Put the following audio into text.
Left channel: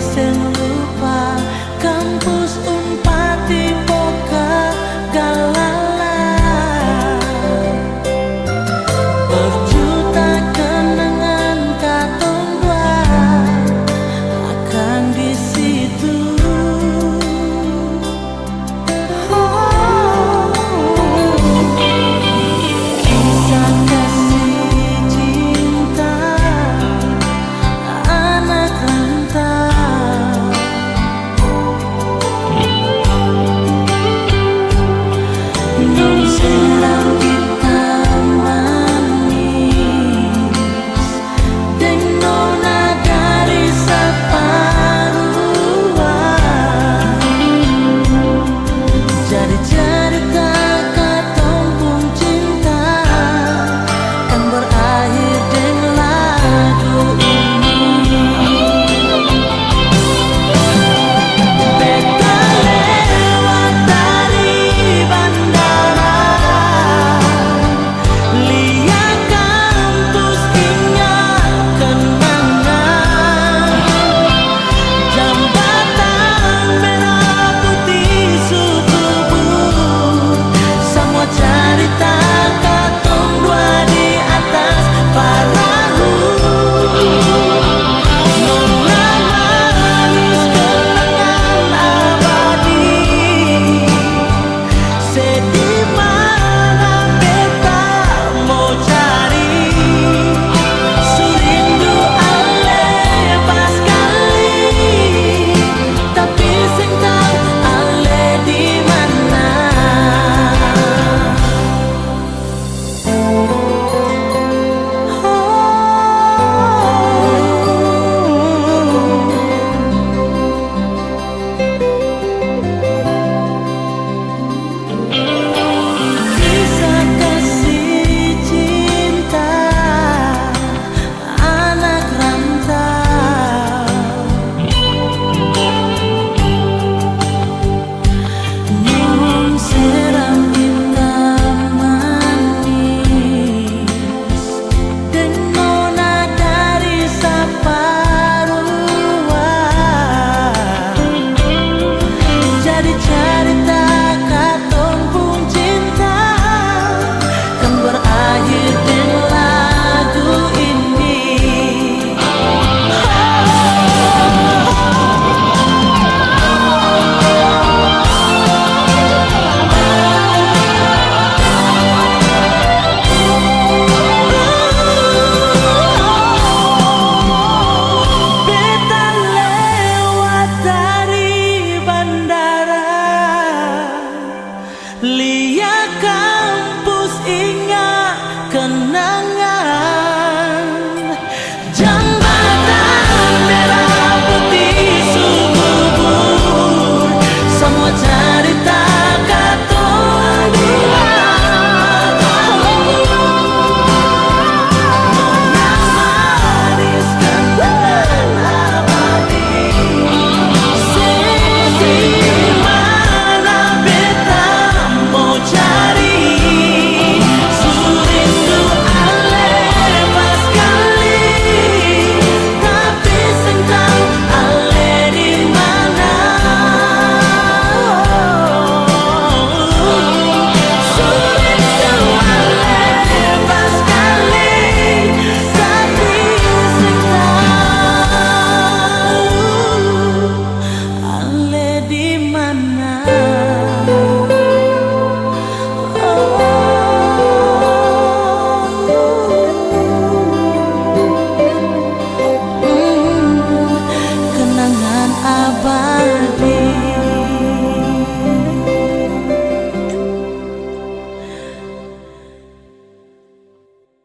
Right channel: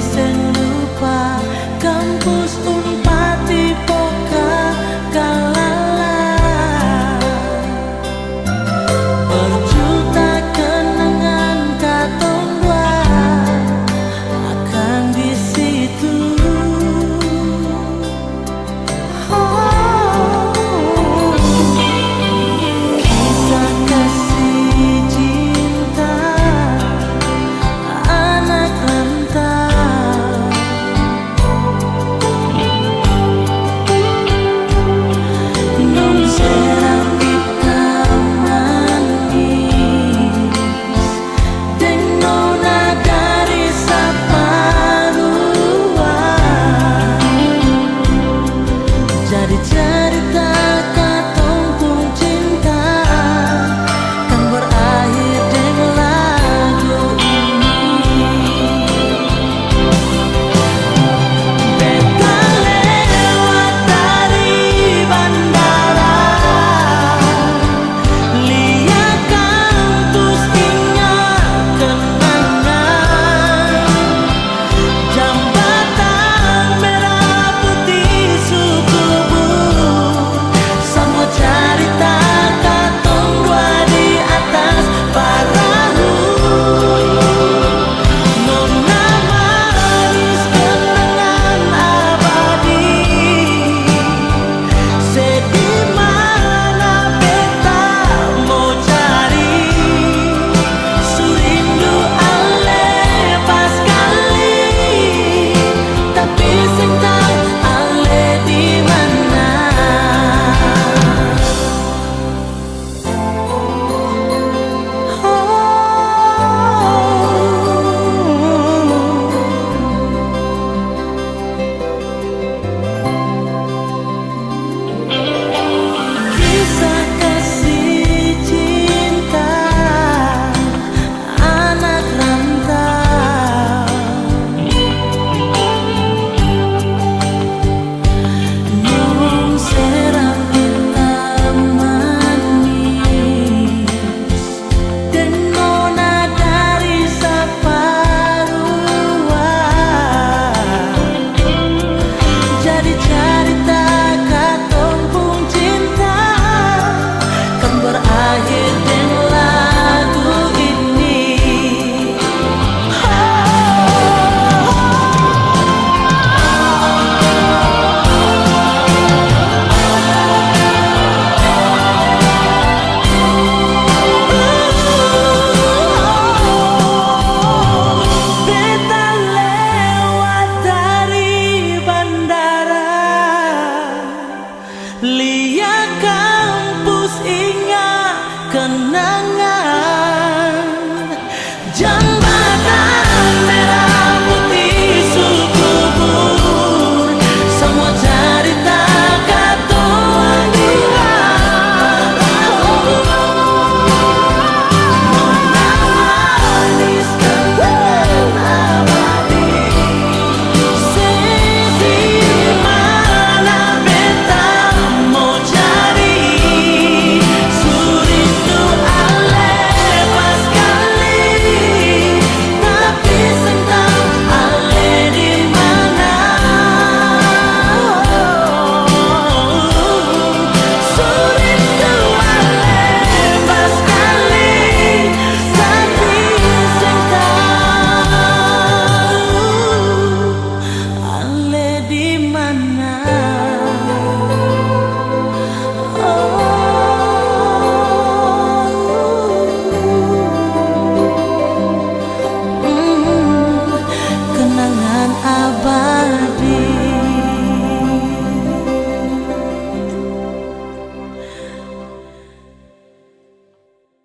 sing lupa kampus Unpati Poka Galala. Berjuta kenangan katong dua akan di situ. Kisah kasih cinta anak rantau, non seram hitam manis deng nona dari Saparua. Jadi cerita katong pun cinta kan berakhir dengan lagu ini. Beta lewat dari bandara, lihat kampus ingat kenangan, jembatan merah putih Sukubur, semua cerita katong dua di atas perahu. Nona manis kenangan abadi, sedih mana beta mau cari. Surindu ale pas kali, tapi sing tahu ale di mana. Kisah kasih cinta anak rantau, non seram hitam manis deng nona dari Saparua. Jadi cerita katong pun cinta kan berakhir dengan lagu ini. Beta lewat dari bandara, lihat kampus ingat kenangan, jembatan merah putih Sukubur, semua cerita katong dua. Nona manis kenangan abadi, sedih mana beta mau cari. Surindu ale pas kali, tapi sing tahu ale di mana. Surindu ale pas kali, tapi sing tahu ale di mana. Kenangan abadi.